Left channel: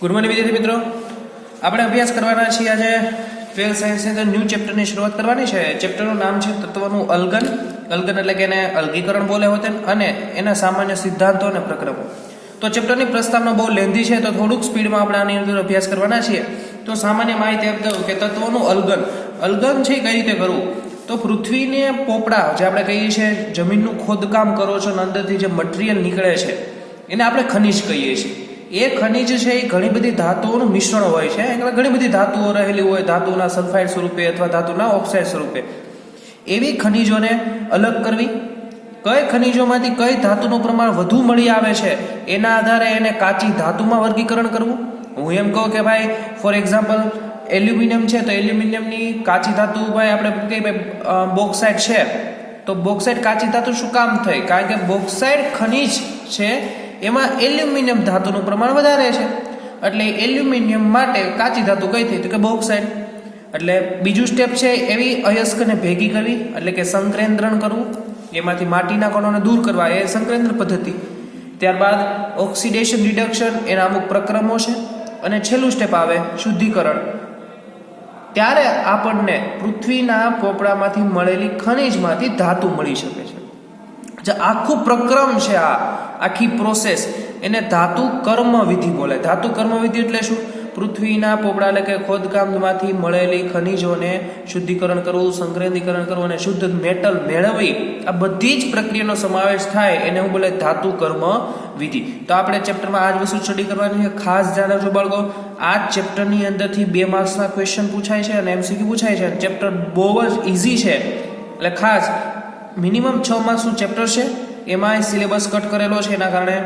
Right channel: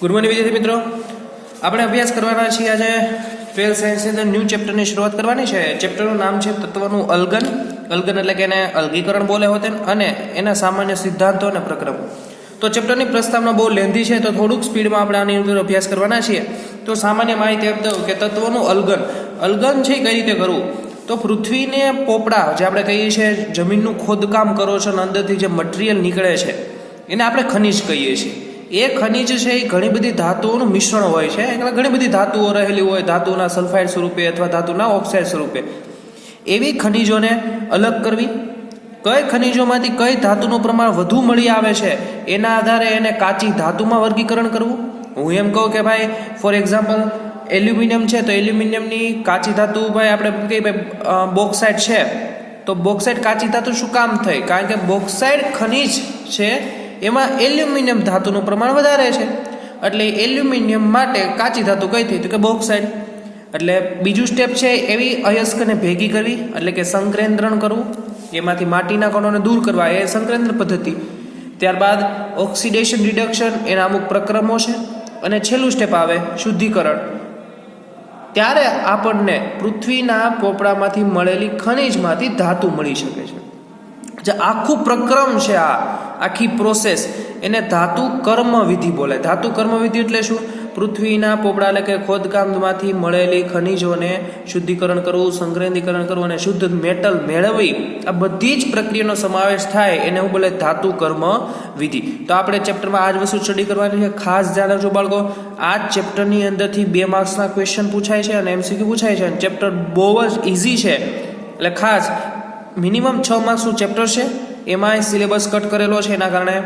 Good morning વિદ્યાર્થી મિત્રો, આપણે અભ્યાસ કરવાના છીએ આજે 12th સાયન્સની અંદર ન્યૂ ચેપ્ટરની શરૂઆત કરવાની છે. ચેપ્ટરનું નામ છે તત્વનું અલગન. અલગન એટલે કે એને અલગીકરણ બોલે હોતે અને એના સામાન્ય સિદ્ધાંતો અને પ્રક્રમો. તો ચેપ્ટરની પ્રસ્તાવના બહુ લેન્ધી છે, તો થોડુંક સ્પીડમાં આપણે આની અંદર અભ્યાસ કરવાના છીએ. તો સામાન્ય માહિતી આપી દઉં કે તત્વનું અલગન. અલગન છે કઈ રીતે કરવું? તો પૃથ્વીને પોપડા જે આપણે કહીએ છીએ, જમીનનું ખોદકામ કરો છો અને અંદરથી જે મટીરિયલ નીકળે છે એને આપણે ખનિજ કહીએ છીએ. એ ખનિજ છે એ ઘણી બધી ધાતુઓનું મિશ્રણ હોય છે. એટલે ઘણી બધી ધાતુઓ રહેલી હોય, ધાતુના સલ્ફાઇડ સ્વરૂપે અથવા ધાતુના ઓક્સાઇડ સ્વરૂપે. એવી ખનિજોને અલગ કરવી, કઈ ખનિજોમાંથી કઈ ધાતુનું પ્રમાણ વધુ મળી આવે છે એના આધારે એને કાચી ધાતુમાં વર્ગીકરણ કરવું. હું એમ કહું કે ભાઈ ફોર એક્ઝામ્પલ એલ્યુમિનિયમ છે, તો એલ્યુમિનિયમની કાચી ધાતુ ભાઈ આપણે કહીએ ભાઈ બોક્સાઇડ છે, તો બોક્સાઇડ કાચી ધાતુ શું કામ થઈ? કારણ કે બોક્સાઇડ ખનિજ છે એમાં એલ્યુમિનિયમ ધાતુનું પ્રમાણ વધારે છે, એટલે એલ્યુમિનિયમ માટે કાચી ધાતુ કઈ થઈ? તો કે બોક્સાઇડ. એટલે બીજું સ્ટેપ છે એવી અયસ્કને ભેગી કરવી, એટલે કે સંકેન્દ્રણ કરવું, એમાંથી માટીના કણોને દૂર કરવા, એ સંકેન્દ્ર પદ્ધતિ. ત્યારબાદ ઓક્સિડેશન રિડક્શન, એના અમુક પ્રક્રમો છે, અને છેલ્લું સ્ટેપ આવે શુદ્ધિકરણ. ત્યારે આપણને પૃથ્વીના પોપડામાંથી મળેલી ખનિજમાંથી ધાતુ મળી શકે છે. જે આખું પ્રક્રમ છે, આ આખી પ્રોસેસ, એને ધાતુ કર્મ વિધિ બોલાય. ધાતુ કર્મ વિધિ એટલે શું? પૃથ્વીના પોપડા એટલે કે ખોદકામમાંથી મળેલી ખનિજોને શુદ્ધિકરણ કરવું, સંગ્રહીકરણ કરવું અને શુદ્ધ મેટલ મેળવવી, આ બધી જ પ્રક્રિયાનો સમાવેશ થાય એને હું બોલે ધાતુ કર્મ વિધિ. તો આપણે ચેપ્ટરમાં આ જ વસ્તુ સ્ટડી કરવાની છે. ખાસ ધ્યાન રાખજો બાળકો, આ ચેપ્ટરની અંદરથી 2 માર્ક્સના ક્વેશ્ચન પૂછાય છે અને MCQ પૂછાય છે. ચેપ્ટર બહુ જ ઇઝી છે, એટલે ખાસ મિનિમમ 6 માર્ક્સનું ચેપ્ટર છે. એમાં સિલેબસ કટ કરેલો છે, એના કારણે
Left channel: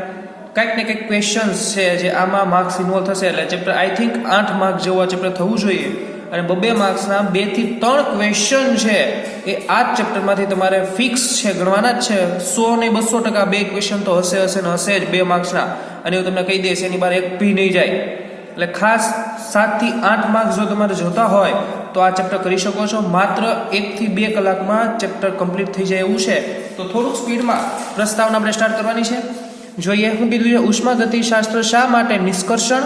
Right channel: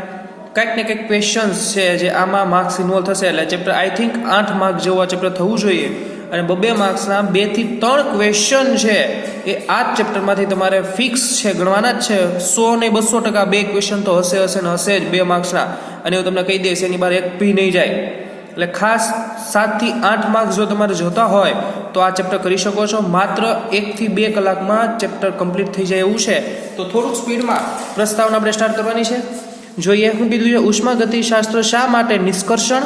કંઈક ને કંઈક ક્વેશ્ચન્સ છે જે આમાં માર્ક્સ ઇન્વોલ્વ થશે. એટલે ચેપ્ટર આઈ થિંક 8 માર્ક જેવું આ ચેપ્ટર થવું જોઈએ, અને 2 માર્ક્સના 2 થી 3 ક્વેશ્ચન છે એ આ જ ચેપ્ટરમાંથી તમારે ફિક્સ છે, ગણવાના જ છે. 100 ને 200% 2 ક્વેશ્ચન તો હશે જ 2 માર્ક્સના, અને હું તમને કહી દઈશ એની બહાર એક ભી નહીં જાય. એટલે ખાસ 7 થી 8 માર્ક્સ જો તમારે જોતા હોય તો આ ચેપ્ટર કરી શકો છો. માત્ર 1 થી 2 કલાકમાં ચેપ્ટર કમ્પ્લીટ થઈ જાય એવું છે. તો થોડુંક સ્પીડમાં પ્રસ્તાવના આપણે સ્ટાર્ટ કરવાની છે. જોઈએ શું કીધું છે. ઉષ્માગતિશાસ્ત્ર શા માટે નિષ્કર્ષણ,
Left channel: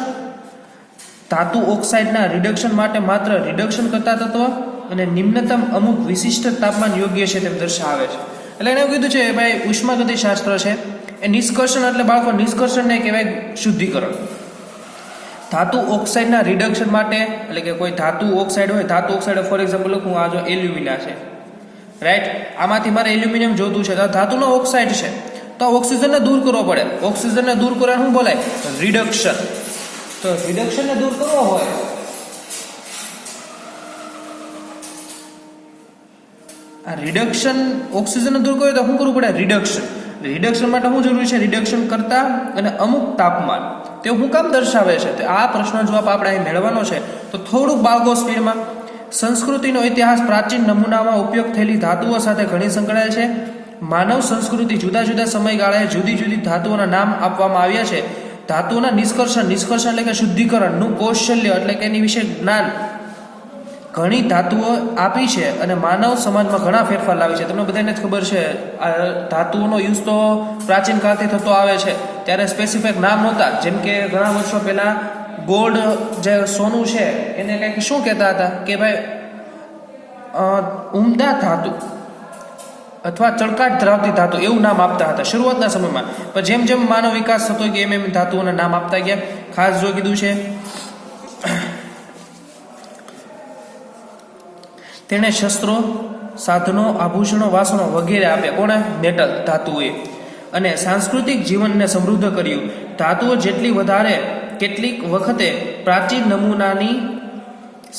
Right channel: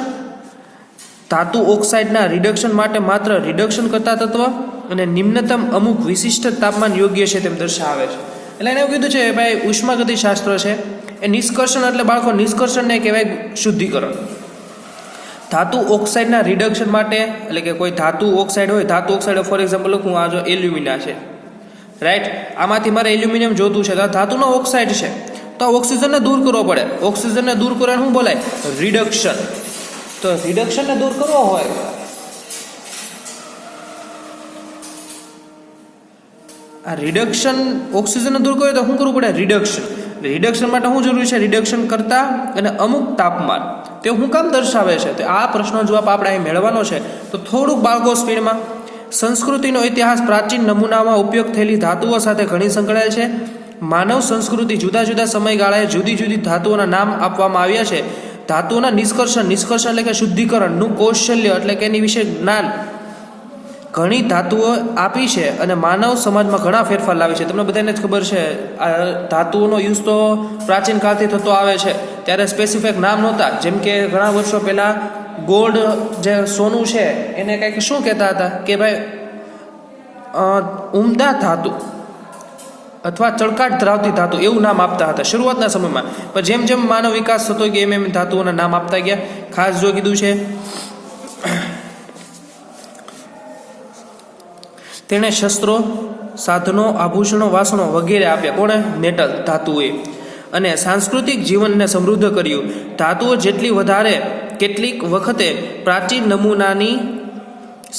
ધાતુ ઓક્સાઇડના રિડક્શન માટે માત્ર રિડક્શન કરતા તત્વ અને નિમ્નતમ અમુક વિશિષ્ટ તાપમાન યોગ્ય છે તેમ દર્શાવે છે. એટલે એને એવું કીધું છે ભાઈ ઉષ્માગતિશાસ્ત્ર છે એ નિષ્કર્ષણ, એટલે બાળકો નિષ્કર્ષણને કહેવાય શુદ્ધિકરણ. ધાતુ ઓક્સાઇડના રિડક્શન માટે, એટલે કે કોઈ ધાતુ ઓક્સાઇડ હોય, ધાતુ ઓક્સાઇડ ફોર એક્ઝામ્પલ લખું, આ જો એલ્યુમિના છે, રાઈટ, આમાંથી મારે એલ્યુમિનિયમ જોતું છે, તો ધાતુનો ઓક્સાઇડ છે, તો ઓક્સિજનને દૂર કરવો પડે. ઓક્સિજનને દૂર કરવાનું શું બોલાય? રિડક્શન. તો રિડક્શનને દૂર કરવો હોય આ રિડક્શન, ઓક્સિજનને દૂર કરવું તો શું કરવું પડે? રિડક્શન. રિડક્શન માટે શું જરૂરી છે? રિડક્શન કરતા અને અમુક તાપમાન, તે શું કામ દર્શાવે છે? તો આ પ્રશ્નનો જવાબ આપણે અહીં મેળવવાનો છે. તો થોડુંક બાળકો સ્પીડમાં. સંસ્કૃતિનો ઇતિહાસ પ્રાચીન નમૂનામાં ઉપયોગ થયેલી ધાતુઓ સાથે ઘણી સંકળાયેલ છે. માનવ સંસ્કૃતિ જુદા જુદા સમયગાળાએ જુદી જુદી ધાતુઓના નામ આપવામાં આવ્યા છે. ધાતુઓના નિષ્કર્ષણ એટલે કે શુદ્ધિકરણનું કૌશલ્ય, એટલે કે એની વિશે જ્ઞાન ઘણી ધાતુઓ આપી છે અને માનવ સમાજમાં ઘણા ફેરફાર લાવી છે. તમને બધાને જ ખબર છે આ ધાતુઓનો યુઝ તો પ્રાચીન કાળથી થતો આવે છે. ત્યારે સ્પેસિફિક નામ નહોતા. જેમ કે ઘણા વર્ષો પહેલાં ગોલ્ડ જે સોનું છે એને કંઈક શું કહેતા હતા કે ભાઈ ઉમદા ધાતુ અથવા ચળકાટ ધરાવતી ધાતુ, એવું નામ આપતા હતા શરૂઆતના સમયમાં. પણ જેમ જેમ માનવ વિકાસ થતો ગયો એમ ધાતુઓના નામ આપતા ગયા. ખાસ જો કીધું છે તેણે શસ્ત્રો, સાધનો, આભૂષણો, વાસણો વગેરે આપ્યા. કોણે? મેટલ, ધાતુએ. અને સાંસ્કૃતિક જીવનને સમૃદ્ધ કર્યું. ધાતુઓ જેટલી વધારે કેટલીક વખતે પ્રાચીન નમૂનાની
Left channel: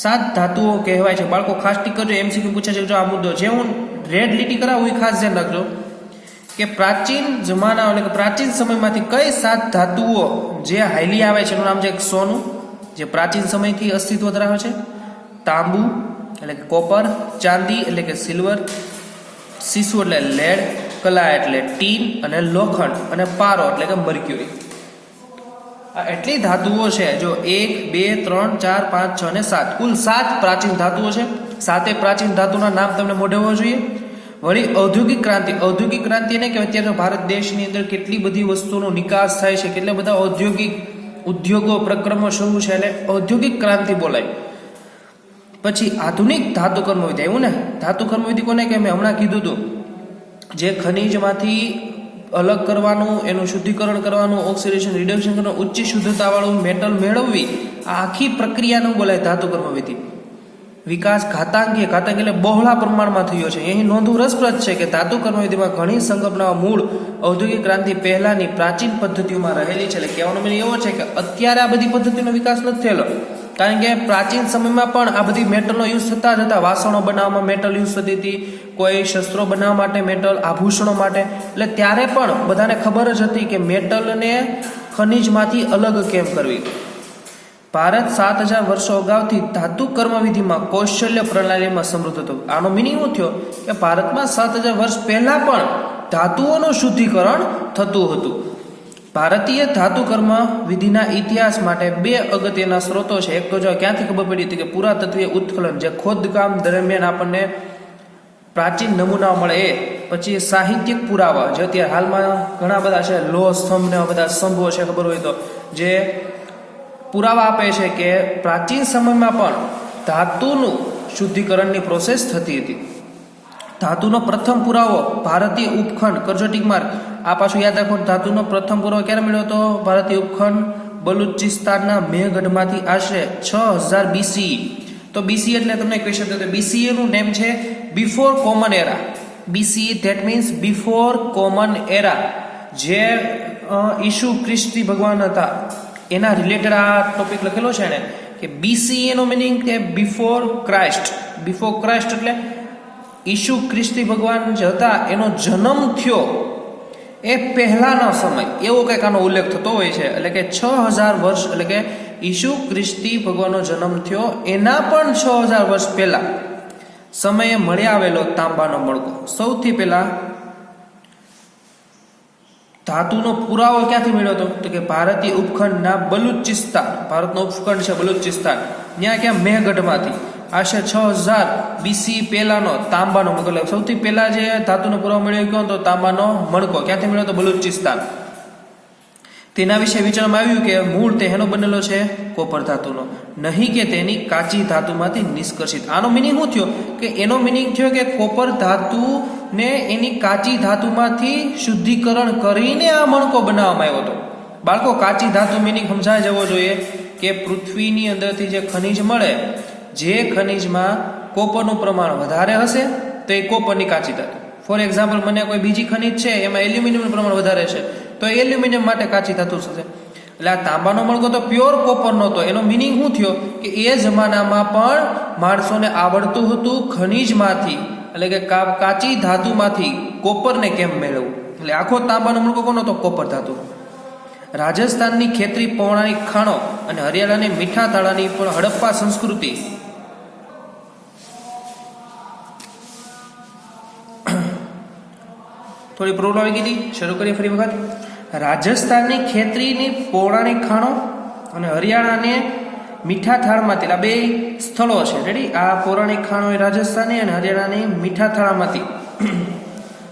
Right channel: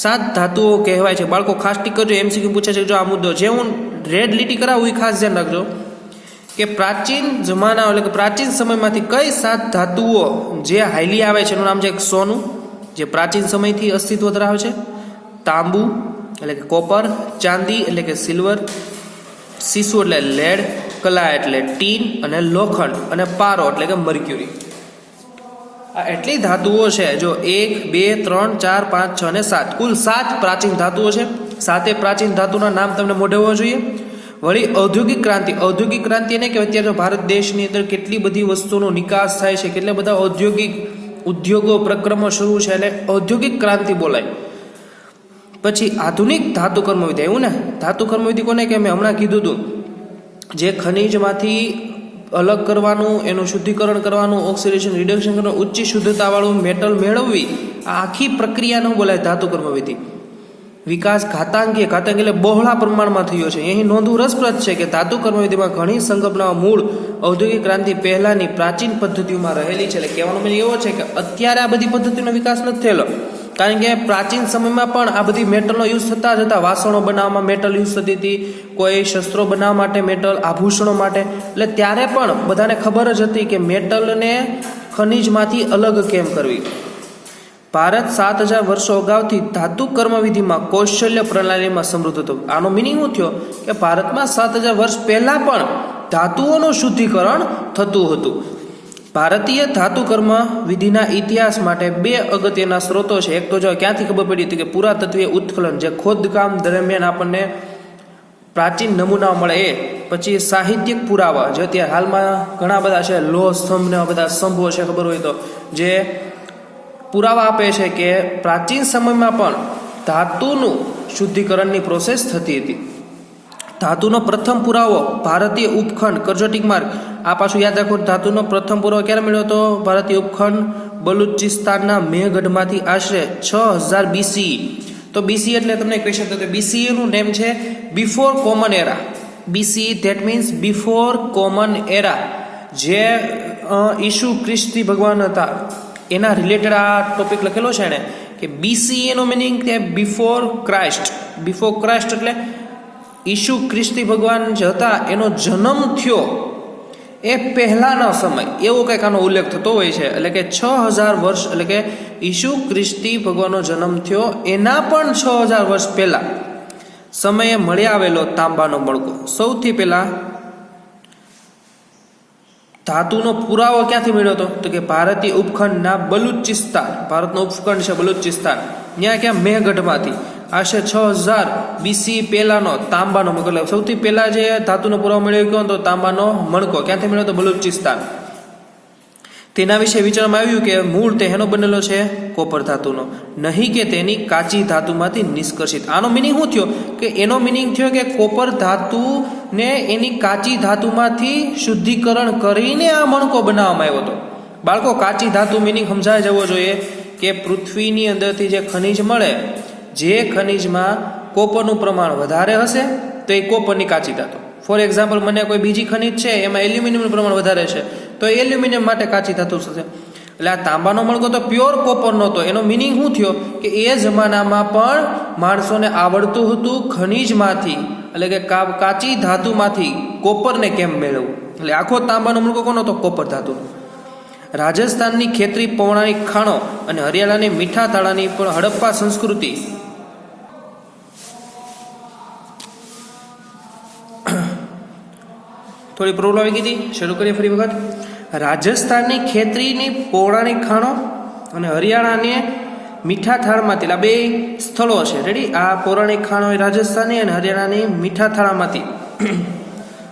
7 ધાતુઓ કહેવાય છે. બાળકો ખાસ ટીક કરજો, MCQ પૂછે છે જો આ મુદ્દો. જે હું રેડ લીટી કરાવું એ ખાસ ધ્યાન રાખજો કે પ્રાચીન જમાના એટલે કે પ્રાચીન સમયમાંથી કઈ 7 ધાતુઓ જે હાઈલી આવે છે. એનું નામ છે સોનું, જે પ્રાચીન સમયથી અસ્તિત્વ ધરાવે છે. તાંબુ એટલે કે કોપર, ચાંદી એટલે કે સિલ્વર, સીસુ એટલે લેડ, કલા એટલે ટીન અને લોખંડ, અને પારો એટલે કે મર્ક્યુરી. આ એટલી ધાતુઓ છે. જો 1, 2, 3, 4, 5, 6 અને 7, કુલ 7 પ્રાચીન ધાતુઓ છે. 7 પ્રાચીન ધાતુના નામ તમને મોઢે હોવા જોઈએ. વળી ઔદ્યોગિક ક્રાંતિ, ઔદ્યોગિક ક્રાંતિ એને કે અત્યારે ભારત દેશની અંદર કેટલી બધી વસ્તુનો નિકાસ થાય છે, કેટલા બધા ઔદ્યોગિક ઉદ્યોગો પ્રક્રમો શરૂ છે એટલે ઔદ્યોગિક ક્રાંતિ બોલાય. પછી આધુનિક ધાતુ કર્મવિધિ આવ્યું ને. ધાતુ કર્મવિધિ કોને કે મેં હમણાં કીધું હતું, જે ખનિજમાંથી અલગ કરવાનું, એનું શુદ્ધિકરણ કરવાનું, ઓક્સિડેશન રિડક્શન કરવાનું, ઉચ્ચ શુદ્ધતાવાળું મેટલ મેળવવી, આ આખી પ્રક્રિયાનું બોલાય ધાતુ કર્મવિધિ. વિકાસ ઘાતાંકીય એટલે બહોળા પ્રમાણમાં થયો છે. અહીં નોંધવું રસપ્રદ છે કે ધાતુ કર્મવિધિમાં ઘણી સંકલ્પનાઓ મૂળ ઔદ્યોગિક ક્રાંતિ પહેલાની પ્રાચીન પદ્ધતિઓમાં રહેલી છે. એટલે કહેવાનો મતલબ એવો છે કે અત્યારે આ બધી પદ્ધતિનો વિકાસ નથી થયેલો, કારણ કે પ્રાચીન સમયમાં પણ આ બધી મેટલનો યુઝ થતા જ હતા. વાસણો બનાવવામાં મેટલ યુઝ થતી હતી, કોઈ શસ્ત્રો બનાવવા માટે મેટલ, આભૂષણો માટે. એટલે ત્યારે પણ બધાને ખબર જ હતી કે મેટલને ખનિજમાંથી અલગ કેમ કરવી. ભારત 7000 વર્ષો અગાઉથી ધાતુ કર્મવિધિમાં કૌશલ્ય પ્રણાલીમાં સમૃદ્ધ હતો. આનો મિનિંગ શું થયો કે ભારતમાં 7000 વર્ષ પહેલા પણ ધાતુઓનું શુદ્ધિકરણ થતું હતું. ભારતીય ધાતુ કર્મ વિધિના ઇતિહાસ માટે બે અગત્યના સ્ત્રોતો છે. એક તો જો ક્યાંથી ખબર પડી હતી કે પુરાતત્વીય ઉત્ખનન, જે ખોદકામ દરમિયાન આપણને પ્રાચીન નમૂનાઓ મળે એ. પછી સાહિત્યિક પુરાવા, જે અત્યારે હાલમાં ઘણા બધા છે, લોહ સ્તંભ ને બધા સ્તંભો છે, ખબર હોય તો, જે પુરાવા આપે છે કે પ્રાચીન સમયમાં પણ ધાતુનું શુદ્ધિકરણની પ્રોસેસ થતી હતી. ધાતુનો પ્રથમ પુરાવો ભારતીય ઉપખંડ કરજોટિક માર્ગ. આ પાછું યાદ રાખો, ધાતુનો પ્રથમ પુરાવો ક્યારે મળ્યો હતો? ભારતીય ઉપખંડ બલુચિસ્તાનના મેહગઢમાંથી આશરે 6000 BCE. તો BCE એટલે તમને કહી શકો કે BCE નું નેમ છે before common era. BCE that means before common era. જે ઈસુ ખ્રિસ્તી ભગવાન હતા એના રિલેટેડ આ ટોપિક લખેલો છે ને, કે BCE નો મિનિંગ કે બિફોર ક્રાઇસ્ટ. બિફોર ક્રાઇસ્ટ એટલે ઈસુ ખ્રિસ્તી ભગવાન જે હતા એનો જન્મ થયો એ પહેલાનો સમય, એવો કંઈક આનો ઉલ્લેખ થતો હોય છે. એટલે કે 6000 વર્ષ, એટલે કે ઈસુ ખ્રિસ્તી ભગવાનનો જન્મ થયો એના પણ 6000 વર્ષ પહેલા સમયે મળી આવેલો તાંબાનો મણકો. સૌથી પહેલા ધાતુનો પુરાવો ક્યાંથી મળ્યો હતો? તો કે ભારતીય ઉપખંડના બલુચિસ્તાન, ભારતનો ઉપખંડ છે બલુચિસ્તાન, ત્યાં ક્યાં મેહગઢમાંથી આશરે 6000 BCE પહેલાનો તાંબાનો મણકો. સૌથી પહેલા જે ધાતુનો પુરાવો મળ્યો ગયો તો તાંબાનો મણકો ક્યાંથી મળ્યો તો બલુચિસ્તાન. તેના વિશે વિચારવામાં આવ્યું કે મૂળ તેનો બનેલો છે કોપર ધાતુનો, નહીં કે તેની કાચી ધાતુમાંથી નિષ્કર્ષિત. આનો મિનિંગ શું થયો કે એનો મિનિંગ થયો કે કોપર ધાતુને એની કાચી ધાતુમાંથી શુદ્ધિકરણ કરીને આ મણકો બનાવવામાં આવ્યો હતો. બાળકો, કાચી ધાતુ મિનિંગ સમજાય જવો જોઈએ કે પૃથ્વીની અંદરથી જે ખનિજ મળે, જે ખનિજમાં કોપરનું પ્રમાણ વધારે હશે તો એ કોપરની કાચી ધાતુ. ફોર એક્ઝામ્પલ, મને કોઈ બીજી ખનિજ છે એમાં એલ્યુમિનિયમનું પ્રમાણ વધારે છે તો એલ્યુમિનિયમ માટે કાચી ધાતુ થશે. એટલે આ તાંબાનો મણકો તો પ્યોર કોપર નહોતો. એનો મિનિંગ શું થયો કે એ જમાનામાં પણ માણસોને આવડતું હતું ખનિજમાંથી, એટલે કે કાચી ધાતુમાંથી કોપરને કેમ મેળવવું. એટલે આખો તાંબાનો મણકો કોનો હતો? કોપર ધાતુ. રાજસ્થાનની ખેતરી પૌરાણિક ખાણો અને હરિયાણાની મીઠા તાળાની પણ હડપ્પા સંસ્કૃતિ થોડી પ્રોબ્લેમ આવી ગઈ. શરૂ કરીએ ફરી વખત. રાજસ્થાનની ખેતરીની પૌરાણિક ખાણો અને હરિયાણાને મીઠા થાળમાંથી, આ બે સ્થળો છે. રેડી? આ પૌરાણિક ખાણો એ રાજસ્થાની અને હરિયાણાની મીઠા થાળામાંથી.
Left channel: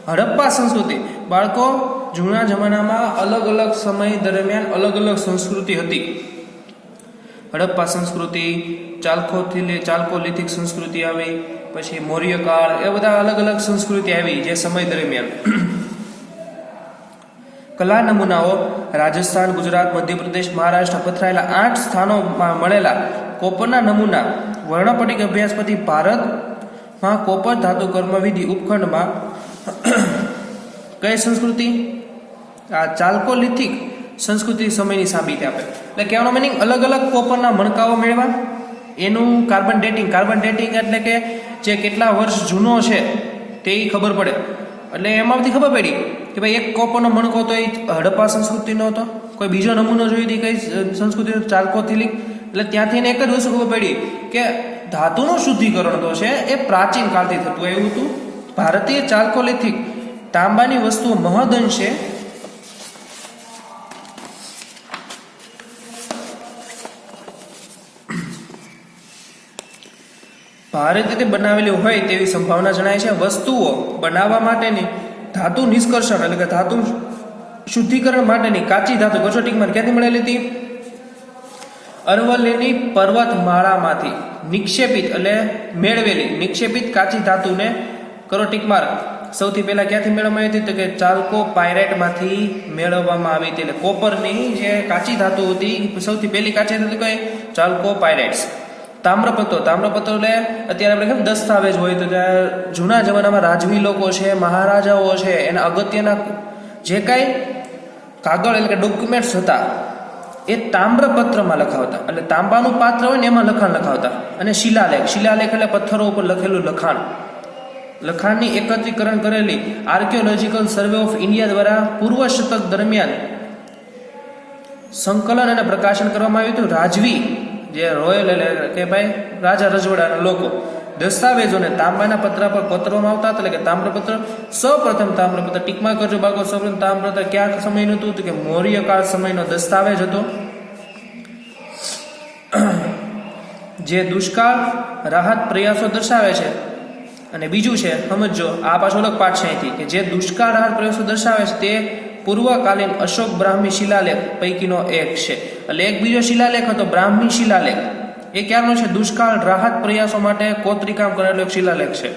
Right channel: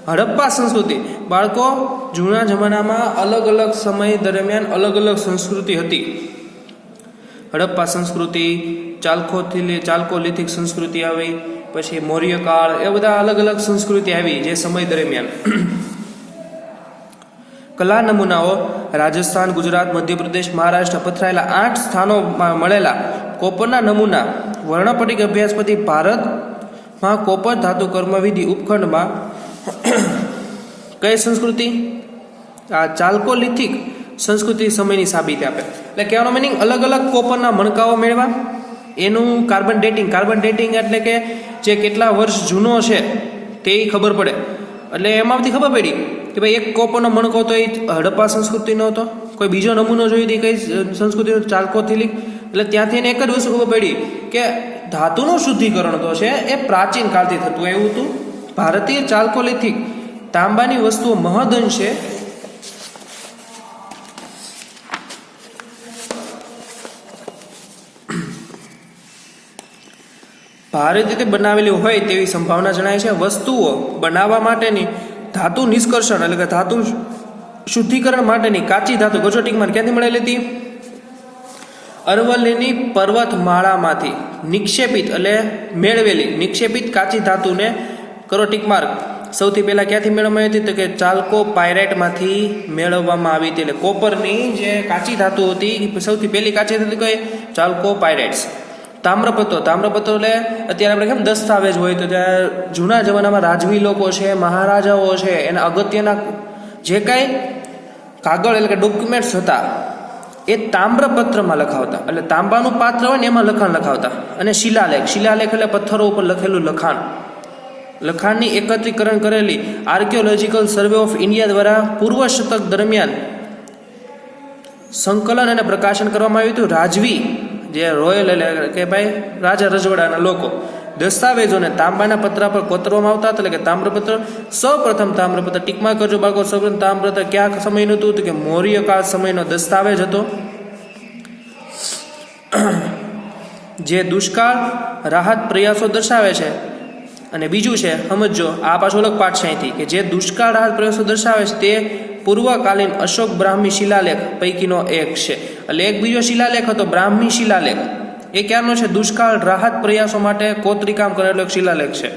હડપ્પા સંસ્કૃતિ. બાળકો, જૂના જમાનામાં અલગ અલગ સમય દરમિયાન અલગ અલગ સંસ્કૃતિ હતી. હડપ્પા સંસ્કૃતિ, ચાલ્કોલિથિક સંસ્કૃતિ આવી, પછી મૌર્ય કાળ, એ બધા અલગ અલગ સંસ્કૃતિ આવી જે સમય દરમિયાન. કલા નમૂનાઓ રાજસ્થાન, ગુજરાત, મધ્યપ્રદેશ, મહારાષ્ટ્ર પથરાયેલા 8 સ્થાનોમાં મળેલા કોપરના નમૂના. વર્ણપટિક અભ્યાસ પછી ભારતમાં કોપર ધાતુ કર્મવિધિ ઉપખંડમાં કઈ સંસ્કૃતિ? આ ચાલ્કોલિથિક સંસ્કૃતિ સમયની સાબિતી આપે. એટલે કહેવાનો મિનિંગ અલગ અલગ કોપરના મણકાઓ મેળવા, એનું કાર્બન ડેટિંગ એટલે કે જે કેટલા વર્ષ જૂનો છે તે ખબર પડે. એટલે એમાંથી ખબર પડી કે ભાઈ એક કોપરનો મણકો તો એ હડપ્પા સંસ્કૃતિનો હતો, કોઈ બીજો નમૂનો જોઈ હતી કઈ સંસ્કૃતિનો, ચાલ્કોલિથિક. એટલે ત્યાંથી એને એક જ વસ્તુ ખબર પડી કે ધાતુનું શુદ્ધિકરણ તો છે એ પ્રાચીન કાળથી થતું આવ્યું હતું. ભારતીય ચાલ્કોલિથિક તાંબાની વસ્તુઓ મહદઅંશે ભારે રીતે બનાવેલી હોય તેવી સંભાવના જણાય છે. વસ્તુઓ બનાવવા માટેની ધાતુ નિષ્કર્ષણ, એટલે કે ધાતુ શુદ્ધિકરણ માટેની કાચી ધાતુ કચોટીમાં ક્યાંથી મળેલી હતી? અરવલ્લીની પર્વતમાળામાંથી નિક્ષેપિત એટલે મેળવેલી નિક્ષેપિત કાચી ધાતુને કરો ટીક માર્ક. સૌથી પહેલા ક્યાંથી મેળવવામાં આવી હતી? તો કે ચાલ્કો પાયરેટમાંથી મેળવવામાં આવી હતી. એટલે કોપરની જે કાચી ધાતુ હતી સૌથી પહેલી કાચી ધાતુ કઈ? ચાલ્કો પાયરેટ્સ. તામ્રપત્રો એટલે અત્યારે આપણે કેમ દસ્તાવેજ હોય તો ત્યાં જૂના જમાનામાં રાજવી લોકો છે, મહારાજાઓ છે, એના અગત્યના જે કાંઈ કાગળ એટલે કે ડોક્યુમેન્ટ્સ હતા એ તામ્રપત્રમાં લખાવતા. એટલે તાંબાનું પાત્ર હોય ને એમાં લખાણ લખાવતા. અને શિલાલેખ એટલે પથ્થરો ઉપર લખેલું લખાણની એકત્રીકરણ કરેલી આર્કિયોલોજીકલ સર્વે ઓફ ઇન્ડિયા દ્વારા પૂર્વ શતક દરમિયાન સંકલન અને પ્રકાશન કરવામાં આવ્યું હતું. રાજવી જે રોયલ એટલે કે ભાઈ રાજા રજવાડાના લોકો દસ્તાવેજોને તાંબાના પતરા પર કોતરવામાં આવતા એટલે કે તામ્રપત્ર. સૌપ્રથમ તામ્રપત્ર ટીકમાં કરજો બાળકો. સૌપ્રથમ તામ્રપત્ર ક્યાં સમયનું હતું? તો કે મૌર્ય કાળ સમયનો દસ્તાવેજ હતો, જે દુષ્કાળ રાહત પ્રયાસો દર્શાવે છે. અને બીજું છે સમજો, આ પાછો અલગ પાઠ છે અહીંથી, કે જે દુષ્કાળ રાહત પ્રયાસો દર્શાવે છે તે પૂર્વકાલીન અશોક બ્રાહ્મી શિલાલેખ પૈકીનો એક છે. એટલે એક બીજો શિલાલેખ હતો બ્રાહ્મી શિલાલેખ. એ ક્યારનો છે? દુષ્કાળ રાહત પ્રયાસો માટે કોતરીકામ કરેલો એક શિલાલેખ છે.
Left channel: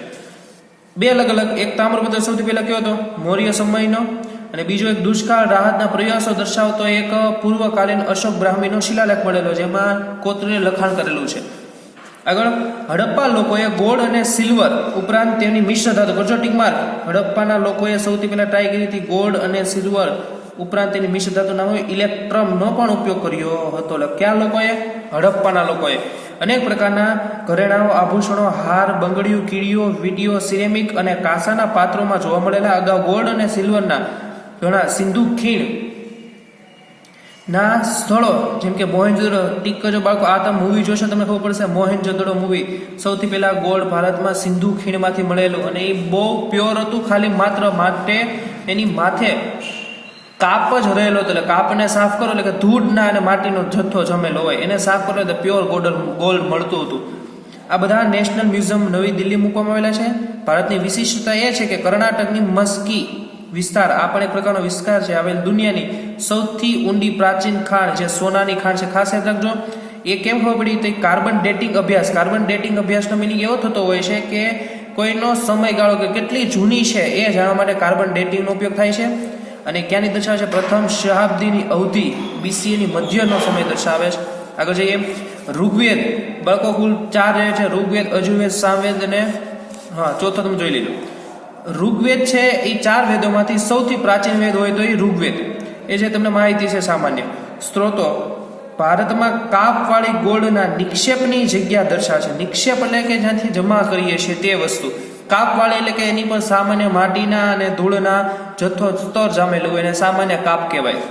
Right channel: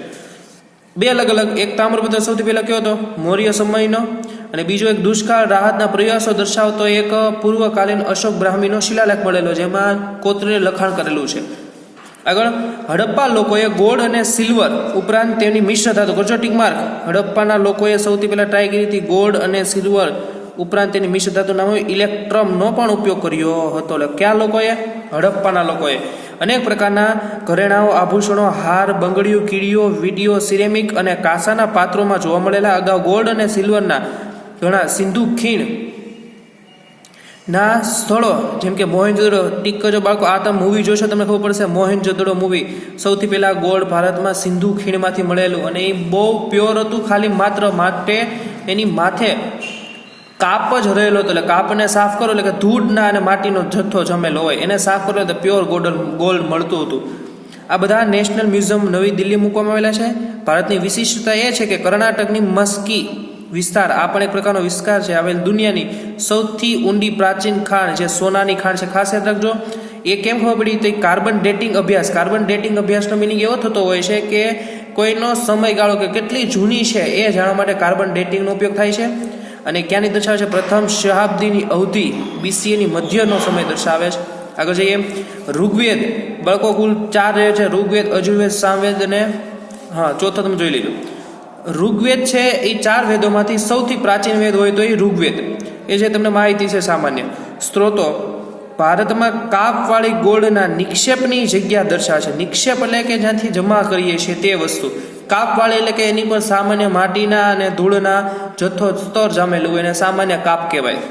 બે અલગ અલગ, એક તામ્રપત્ર સૌથી પહેલા કયો હતો? મૌર્ય સમયનો, અને બીજો એક દુષ્કાળ રાહતના પ્રયાસો દર્શાવતો એક પૂર્વકાલીન અશોક બ્રાહ્મીનો શિલાલેખ મળેલો, જેમાં કોતરીને લખાણ કરેલું છે. આગળ, હડપ્પા લોકોએ ગોલ્ડ અને સિલ્વર ઉપરાંત તેમની મિશ્ર ધાતુ કરજો ટીક માર્ક. હડપ્પાના લોકોએ સૌથી પહેલા ટ્રાય કરી હતી ગોલ્ડ અને સિલ્વર ઉપરાંત તેની મિશ્ર ધાતુ નામ ઇલેક્ટ્રમનો પણ ઉપયોગ કર્યો હતો. એટલે કયા લોકોએ? હડપ્પાના લોકોએ. અનેક પ્રકારના ઘરેણાઓ, આભૂષણો, હાર, બંગડીઓ, કીડીઓ, વીટીઓ, સિરેમિક અને કાંસાના પાત્રોમાં જોવા મળેલા. અગાઉ ગોલ્ડ અને સિલ્વરના ઘણા સિંધુ ખીણ ના સ્થળો જેમ કે મોહેનજોદડો ટીક કરજો બાળકો. આ તમે મૂવી જોશો તમને ખબર પડશે. મોહેનજોદડો મૂવી સૌથી પહેલા ગોલ્ડ ભારતમાં સિંધુ ખીણમાંથી મળેલું, અને એ બહુ પ્યોર હતું. ખાલી માત્ર માટે એની માથે કાપ જ રહેલો હતો. એટલે કાપને સાફ કરો એટલે કે ધૂળના અને માટીનો જથ્થો જમેલો હોય એને સાફ કરો એટલે પ્યોર ગોલ્ડ મળતું હતું. આ બધા નેશનલ મ્યુઝિયમ નવી દિલ્હી મૂકવામાં આવેલા છે. ભારતની વિશિષ્ટતા એ છે કે કર્ણાટકની મસ્કી વિસ્તાર આ પણ એક પ્રકારનો વિસ્તાર છે આવેલ દુનિયાની સૌથી ઊંડી પ્રાચીન ખાણ જે સોનાની ખાણ છે. ખાસ યાદ રાખજો. એ કેમ ખબર પડી? તો કાર્બન ડેટિંગ અભ્યાસનો મિનિંગ એવો થતો હોય છે કે કોઈનો સમયગાળો કે કેટલી જૂની છે એ જાણવા માટે કાર્બન ડેટિંગનો ઉપયોગ થાય છે. અને ક્યાંની દર્શાવે છે? પ્રથમ શતાબ્દીની અવધિ BCEની મધ્યનો સમય દર્શાવે છે. આગળ જઈએ. ઋગ્વેદ બાળકો કુલ 4 રહે છે. ઋગ્વેદ, અજુર્વેદ, સામવેદ અને ચોથો તમે જોઈ લીધું. ઋગ્વેદ છે એ 4 વેદોમાંથી સૌથી પ્રાચીન વેદ હોય તો એ ઋગ્વેદ. એ જે તમને માહિતી છે સામાન્ય. સ્ત્રોતો ભારતમાં કાપવાળી ગોળના નિક્ષેપની જગ્યા દર્શાવે છે. નિક્ષેપ એટલે કે જ્યાંથી જમા કરીએ છીએ તે વસ્તુ. કાપવાળી એટલે કે એની પર સામાન્ય માટીના અને ધૂળના જથ્થો સ્તર જામેલું હોય એને સામાન્ય કાપ કહેવાય.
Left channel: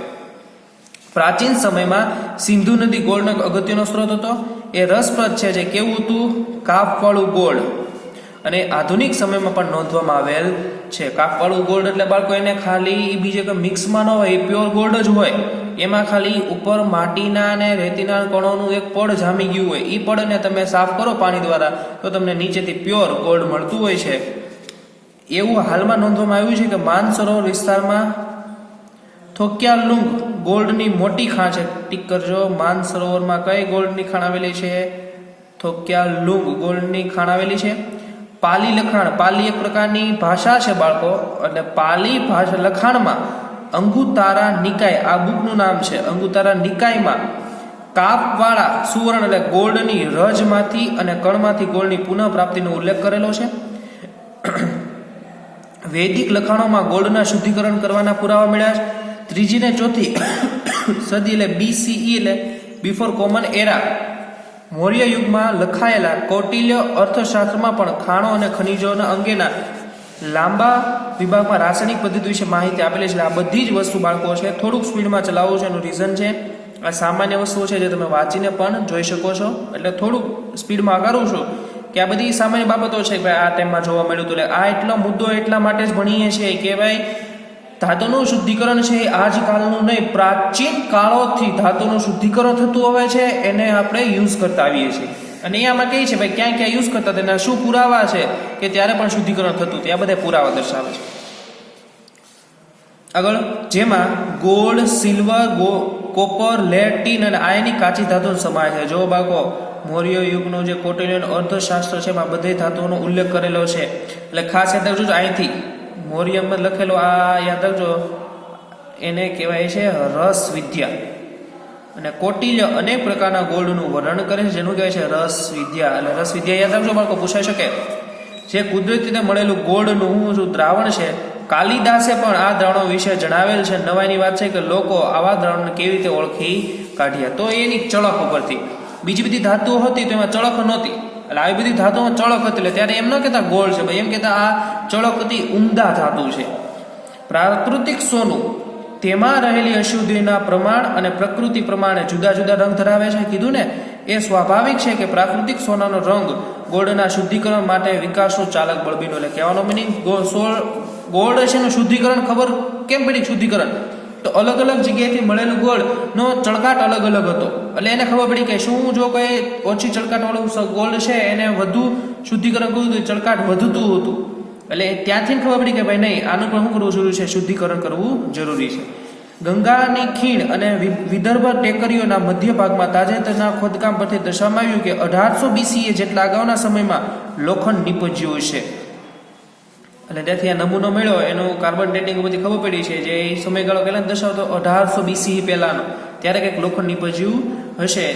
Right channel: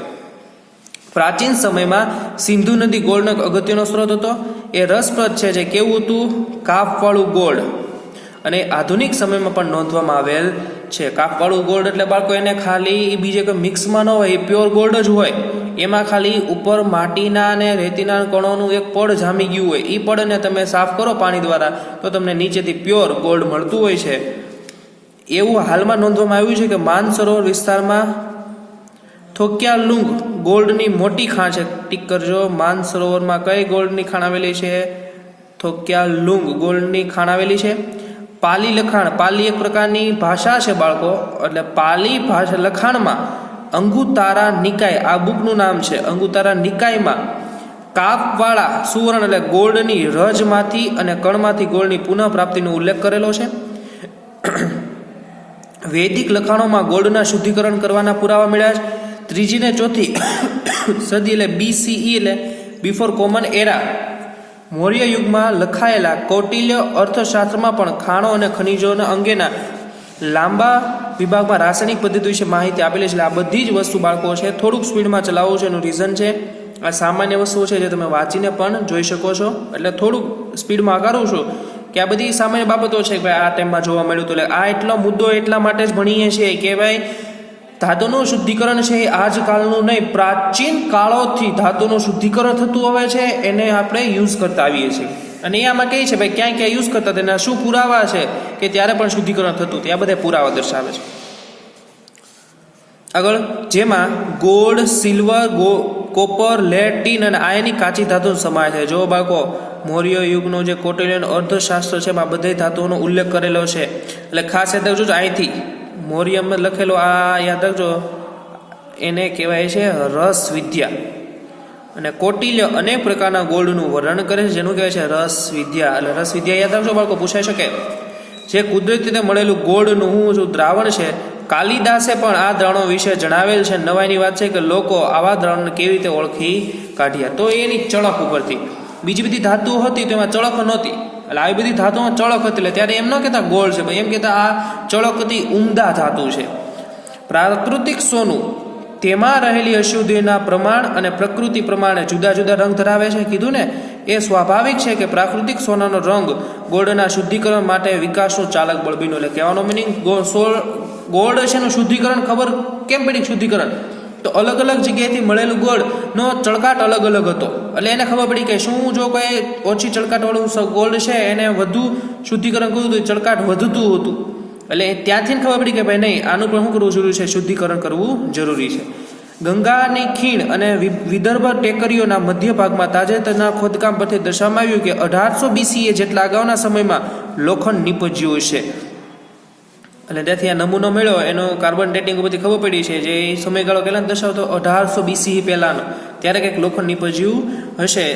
પ્રાચીન સમયમાં સિંધુ નદી ગોળનો અગત્યનો સ્ત્રોત હતો. એ રસપ્રદ છે જે કેવું હતું? કાપવાળું ગોળ. અને આધુનિક સમયમાં પણ નોંધવામાં આવેલ છે. કાપવાળું ગોલ્ડ એટલે બાળકો એને ખાલી બીજે કોઈ મિક્સમાં ન હોય, એ પ્યોર ગોલ્ડ જ હોય. એમાં ખાલી ઉપર માટીના અને રેતીના કણોનું એક પડ જામી ગયું હોય. એ પડને તમે સાફ કરો પાણી દ્વારા તો તમને નીચેથી પ્યોર ગોલ્ડ મળતું હોય છે. એવું હાલમાં નોંધવામાં આવ્યું છે કે માનસરોવર વિસ્તારમાં થોક્યાલુંગ ગોલ્ડની મોટી ખાણ છે. ટીક કરજો. માનસરોવરમાં કઈ ગોલ્ડની ખાણ આવેલી છે? થોક્યાલુંગ ગોલ્ડની ખાણ આવેલી છે. પાલી લખાણ. પાલી એક પ્રકારની ભાષા છે બાળકો. એટલે પાલી ભાષા લખાણમાં અંગુતારા નિકાય આ બુકનું નામ છે. અંગુતારા નિકાયમાં કાપવાળા સુવર્ણ એટલે ગોલ્ડની રજમાંથી અને કણમાંથી ગોલ્ડની પુનઃ પ્રાપ્તિનો ઉલ્લેખ કરેલો છે. વૈદિક લખાણોમાં ગોલ્ડના શુદ્ધિકરણ કરવાના પુરાવા મળ્યા છે. 3જી ને 4થી સદી એટલે BCE એટલે બિફોર કોમન એરા મૌર્ય યુગમાં લખાયેલા કૌટિલ્ય અર્થશાસ્ત્રમાં પણ ખાણો અને ખનિજોના અંગેના લાંબા વિભાગમાં રાસાયણિક પદ્ધતિ વિશે માહિતી આપેલી છે. આ બધી જ વસ્તુ બાળકો છે થોડુંક સ્પીડમાં ચલાવવું છે. એનું રીઝન છે આ સામાન્ય વસ્તુઓ છે જે તમે વાંચીને પણ જોઈ શકો છો. એટલે થોડુંક સ્પીડમાં કરું છું કે આ બધી સામાન્ય બાબતો છે કે ભાઈ આ ટાઈમમાં જોવા મળ્યું હતું. એટલે આ એટલો મુદ્દો એટલા માટે જ ભણીએ છીએ કે ભાઈ ધાતુનું શુદ્ધિકરણ છે એ આજકાલનું નહીં, પ્રાચીન કાળોથી ધાતુનું શુદ્ધિકરણ થતું આવે છે એને આપણે યુઝ કરતા આવીએ છીએ. અને આમાં કહે છે ભાઈ ક્યાં ક્યાં યુઝ કરતા તેના શું પુરાવા છે કે ત્યારે પણ શુદ્ધિકરણ થતું હતું. આ બધા પુરાવા દર્શાવે છે. આગળ જેમાં gold, silver, copper, lead, tin અને આયની કાચી ધાતુ સમાય છે. જો બાળકો મૌર્ય યુગનું જે કોટિલિયન અર્થશાસ્ત્ર છે એમાં બધી ધાતુઓનો ઉલ્લેખ કરેલો છે. એટલે ખાસ યાદ રાખજો અહીંથી મૌર્યમાં લખેલો આ યાદ રાખજો, એને કહેવાય છે રસ વિદ્યા. અને કૌટિલ્ય અનેક પ્રકારના ગોળનું વર્ણન કરે છે, જેનું કહેવાય છે રસ વિદ્યા. એટલે રસ વિદ્યા યાદ રાખજો બાળકો, પૂછાઈ શકે. જે કુદરતી રીતે મળેલું ગોળનું દ્રાવણ છે. કાલિદાસે પણ આ દ્રાવણો વિશે જણાવેલ છે. નવાઈની વાત છે કે લોકો આવા દ્રાવણને કેવી રીતે ઓળખી કાઢ્યા, તો એની ચળક ઉપરથી. બીજી બધી ધાતુઓ હતી તો એમાં ચળક નહોતી, એટલે આવી બધી ધાતુઓમાં ચળક હતી, એટલે ત્યારે એમ ન કહેતા ગોળ છે, એમ કહેતા આ ચળક હતી, ઉમદા ધાતુ છે. પ્રાકૃતિક સોનું, તેમાં રહેલી અશુદ્ધિના પ્રમાણ અને પ્રકૃતિ પ્રમાણે જુદા જુદા રંગ ધરાવે છે. કીધું ને, એ સ્વાભાવિક છે કે પ્રાકૃતિક સોનાનો રંગ ગોળના શુદ્ધિકરણ માટે વિકાસનું ચાલક બળ બન્યો. એટલે કહેવાનો મિનિંગ ગોળ છે એનું શુદ્ધિકરણ ખબર કેમ પડી? શુદ્ધિકરણ તો અલગ અલગ જગ્યાએથી મળેલું ગોળનો ચળકાટ અલગ અલગ હતો, એટલે એને ખબર પડી કે શું જો કોઈ ઓછી ચળકાટવાળું ગોળ છે એને વધુ શુદ્ધિકરણ કર્યું તો ચળકાટ વધતું હતું. એટલે ત્યાંથી ખબર પડી કે ભાઈ નહીં, આનું પણ શું કરવું જરૂરી છે? શુદ્ધિકરણ કરવું જરૂરી છે. ગંગાની ખીણ અને વિદર્ભ ટેકરીઓના મધ્ય ભાગમાં તાજેતરના ખોદકામ પરથી દર્શાવવામાં આવ્યું કે 1800 BCE જેટલા અગાઉના સમયમાં લોખંડ નીપજ્યું છે. એટલે ત્યાંથી આ નમૂનો મળ્યો, એનું કાર્બન ડેટિંગ બધી ખબર પડી છે, જે સમયગાળો પહેલાં દર્શાવતો 1800 BCE પહેલાંનો, ત્યારે કંઈક લોખંડ નીપજ્યું હશે.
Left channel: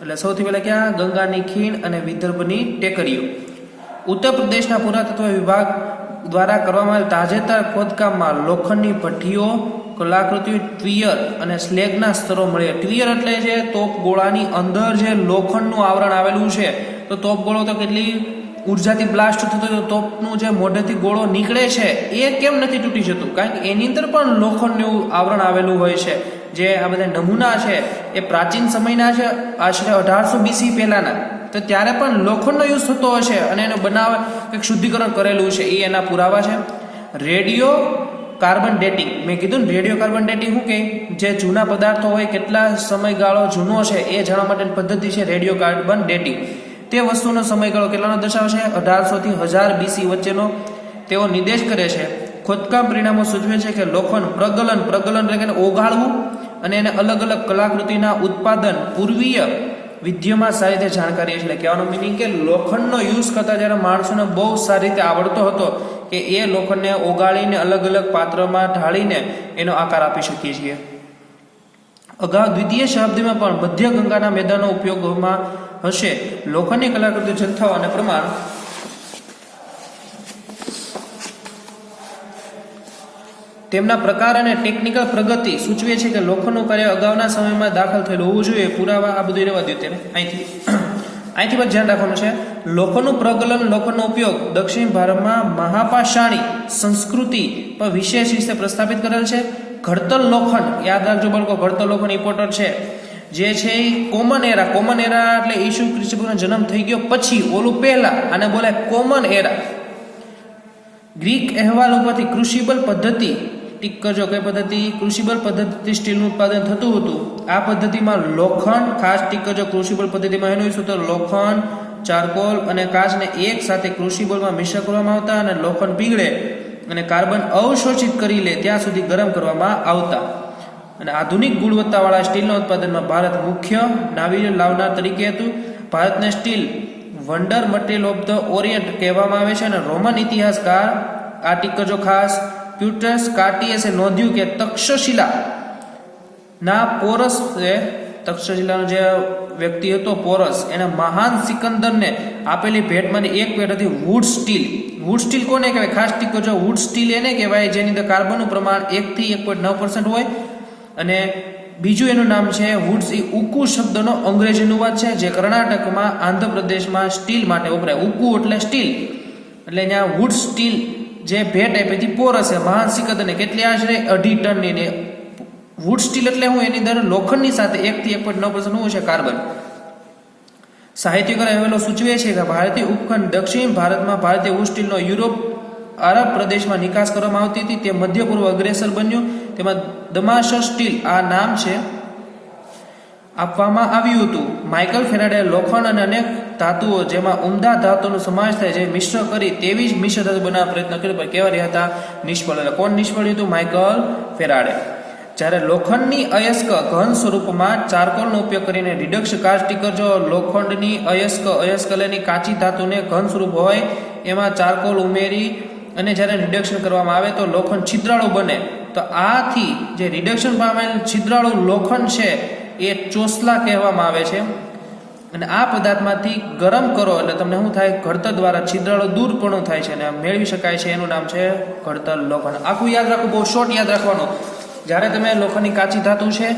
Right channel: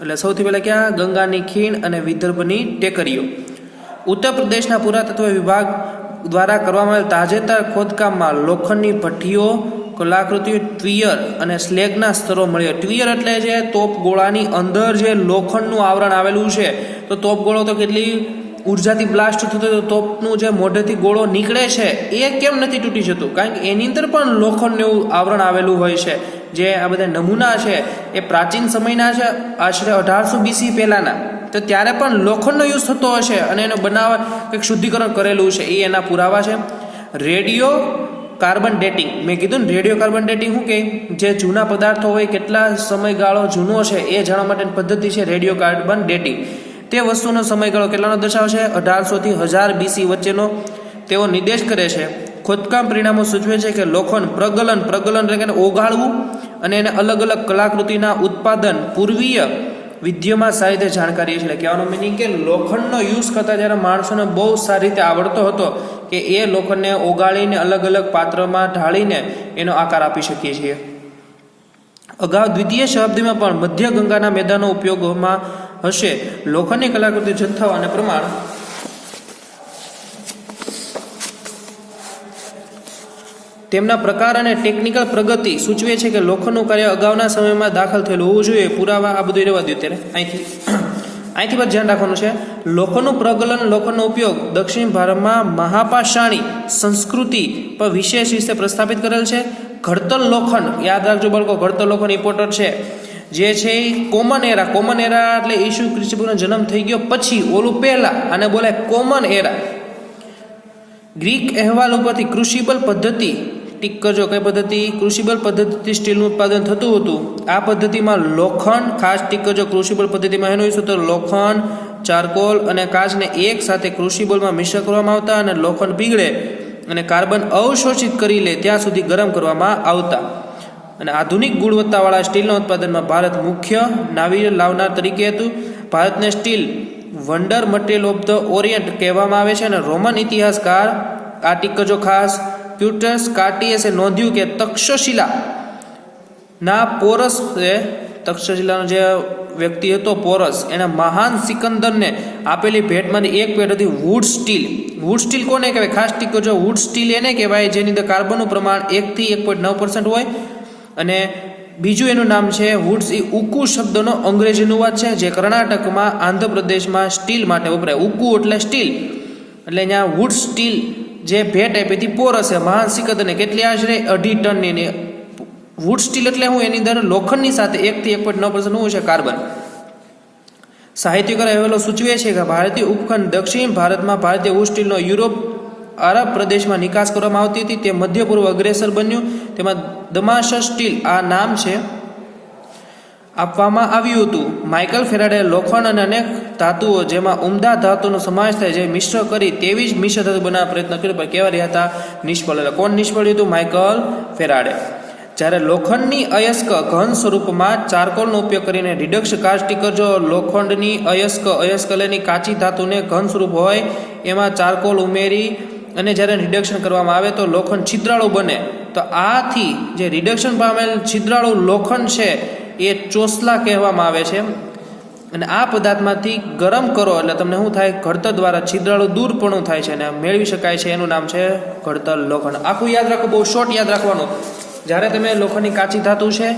એટલે સૌથી પહેલાં ક્યાં? ગંગાની ખીણ અને વિદર્ભની ટેકરીઓ. ઉત્તર પ્રદેશના પુરાતત્વ વિભાગ દ્વારા કરવામાં આવેલ તાજેતર ખોદકામમાં લોખંડની ભઠ્ઠીઓ, કલાકૃતિઓ, ટ્વિયર અને સ્લેગના સ્તરો મળ્યા. ટ્વિયર એટલે જે તોપ ગોળાની અંદર જે લોખંડનું આવરણ આવેલું છે, તો તોપ ગોળો તો કેટલી ઉર્જાથી બ્લાસ્ટ થતો, તોપનું જે મોઢેથી ગોળો નીકળે છે એ કેમ નથી તૂટી જતું? કારણ કે એની અંદર પણ લોખંડનું આવરણ આવેલું હોય છે. જે આ બધા નમૂના છે એ પ્રાચીન સમયના છે, આશરે 1800 BC પહેલાંના, તો ત્યારે પણ લોખંડનો યુઝ થતો હશે અને એનો બનાવ કંઈક શુદ્ધિકરણ કરેલું છે, એ એના પુરાવા છે. રેડિયો કાર્બન ડેટિંગ, મેં કીધું ને રેડિયો કાર્બન ડેટિંગ શું કહે? જે જૂના પદાર્થો હોય કેટલા સમયગાળો જૂનો છે એ જાણવા માટેની પદ્ધતિ છે રેડિયો કાર્બન ડેટિંગ. તે વસ્તુનો સમયગાળો કેટલાનો દર્શાવે છે? 1800 થી 1000 BC વચ્ચેનો તેઓ નિર્દેશ કરે છે. ખોદકામ પરિણામો સૂચવે છે કે લોખંડ પ્રગલન એટલે કે ઓગાળવું અને એને અલગ અલગ કલાકૃતિના ઉત્પાદન પૂર્વીય વિદ્યામાં સારી રીતે જાણકારી છે. એટલે કહેવાનો મિનિંગ કે લોખંડનો યુઝ કરતા જ્યારે માણસોને બહુ સારી રીતે આવડતો હતો કે એ લોખંડને ઓગાળીને અલગ અલગ પાત્રમાં ઢાળીને એનો આકાર આપી શકીએ છીએ. અગાઉ દ્વિતીય શતાબ્દીમાં પણ મધ્ય ગંગાના મેદાનો ઉપયોગમાં હશે. લોખંડની કલાકૃતિ જથ્થા અને પ્રમાણ તેમના પ્રકાર અને ટેકનિકલ પ્રગતિ સૂચવે છે કે લોખંડનું કાર્ય અગાઉના સમયમાં દાખલ થયેલું હોવું જોઈએ. પુરાવા આ બધું રહેવા દો ત્યારે. અહીંથી પણ ધ્યાન રાખવાનું છે. લોખંડનું પ્રગલન, લોખંડનો ઉપયોગ દક્ષિણ ભારતમાં મહાપાષાણી સંસ્કૃતિ પર વિશેષ રીતે પ્રસ્થાપિત કરેલ છે. ઘડતર લોખંડ, યાદ રાખજો બાળકો, ઘડતર લોખંડ ઇમ્પોર્ટન્ટ છે. જે છે એ કોમન એરા એટલે ઈસુ ખ્રિસ્તનો જન્મ થઈ ગયો પછી, ઓલું પહેલા, આને બોલાય કોમન એરા. ગ્રીક અહેવાલ ઉપરથી ક્રુસિબલ પદ્ધતિ, ટીક કરજો કઈ પદ્ધતિ? ક્રુસિબલ પદ્ધતિથી સ્ટીલનું ઉત્પાદન થતું હતું. આ પદ્ધતિમાં લોખંડ, ખાસ ટીક કરજો, ક્રુસિબલ પદ્ધતિમાં એનું વિશે તો લોખંડ, ચારકોલ અને કાચને એક સાથે ક્રુસિબલમાં મિશ્ર કરવામાં આવતા અને લોખંડ પીગળે અને કાર્બન અવશોષિત કરી લે ત્યાં સુધી ગરમ કરવામાં આવતા. અને આધુનિક ગુણવત્તાવાળા સ્ટીલના ઉત્પાદનમાં ભારત મુખ્ય નાવીય લાવનાર તરીકે હતું. ભારતને steel wonder material of the Orient કહેવામાં આવે છે. અને રોમન ઇતિહાસકાર આ ટીક કરજો ખાસ, ક્યુટસ કાર્ટિયસે નોંધ્યું કે તક્ષશિલા પોરસ, તક્ષશિલાનો જે વ્યક્તિ હતો પોરસ, એના મહાન સિકંદરને આપેલી ભેટમાંથી એક ભેટ હતી વુડ સ્ટીલ. વુડ સ્ટીલ કોને કહેવાય? ખાસ ટીક કરજો, વુડ સ્ટીલ એને કહેવાય જેની અંદર કાર્બનનું પ્રમાણ 1 થી 1.9% હોય. અને બીજું એનું નામ છે વુડ્સ. એ ઉકુ શબ્દનો અંગ્રેજી અનુવાદ છે, જે કર્ણાટકમાં, આંધ્રપ્રદેશમાં સ્ટીલ માટે વપરાય. ઉકુ એટલે સ્ટીલ, એટલે અહીંયા વુડ સ્ટીલ જે ભેટ આપી હતી પોરસે મહાન સિકંદરને, કેટલી આશરે 2.5 ટનની. ને વુડ સ્ટીલ એટલે હું એની અંદર લોખંડની સાથે 1 થી 1.9% હોય છે કાર્બન. સાહિત્યકાર અહેવાલો સૂચવે છે કે ભારતીય ઉપખંડ દક્ષિણ ભારતમાં ભારતીય વુડ સ્ટીલનો યુરોપ, અરબ પ્રદેશમાં નિકાસ કરવામાં આવતી હતી. તે મધ્ય પૂર્વ અગ્રેસર બન્યું. તેમાં દમાસક સ્ટીલ આ નામ છે. આપવામાં આવ્યું હતું. માઇકલ ફેરાડે લોખંડ અને અનેક ધાતુઓ જેમાં ઉમદા ધાતુનો સમાવેશ થાય જે મિશ્ર કરી તેવી જ મિશ્ર ધાતુ બનાવવા પ્રયત્ન કર્યો પણ કેવા રહ્યા હતા? નિષ્ફળ. કોણ નિષ્ફળ હતું? Michael Faraday. જ્યારે લોખંડની અયસ્ક ઘન સ્વરૂપમાં ચારકોલનો ઉપયોગ કરીને રિડક્શન કાચ સ્ટીકર, જો લોખંડની અયસ્ક લેની કાચી ધાતુને ઘન સ્વરૂપ હોય એમાં ચારકોલ ઉમેરી અને જ્યારે રિડક્શન કરવામાં આવે તો લોખંડ છિદ્રાળુ બને. તો આથી જે રિડક્શન પામેલ છિદ્રાળુ લોખંડ છે એ ચોસલા કહેવામાં આવે છે. અને આ પદાર્થમાંથી ગરમ કરો એટલે તમને શું થાય? ઘડતર દ્વારા છિદ્રાળુ દૂર પણ થાય છે અને મેળવી શકાય છે. એનું નામ છે ઘડતર લોખંડ. આખું યાદ રાખો, બહુ શોર્ટ યાદ રાખવાનું. જ્યારે તમે લોખંડની કાચી ધાતુ છે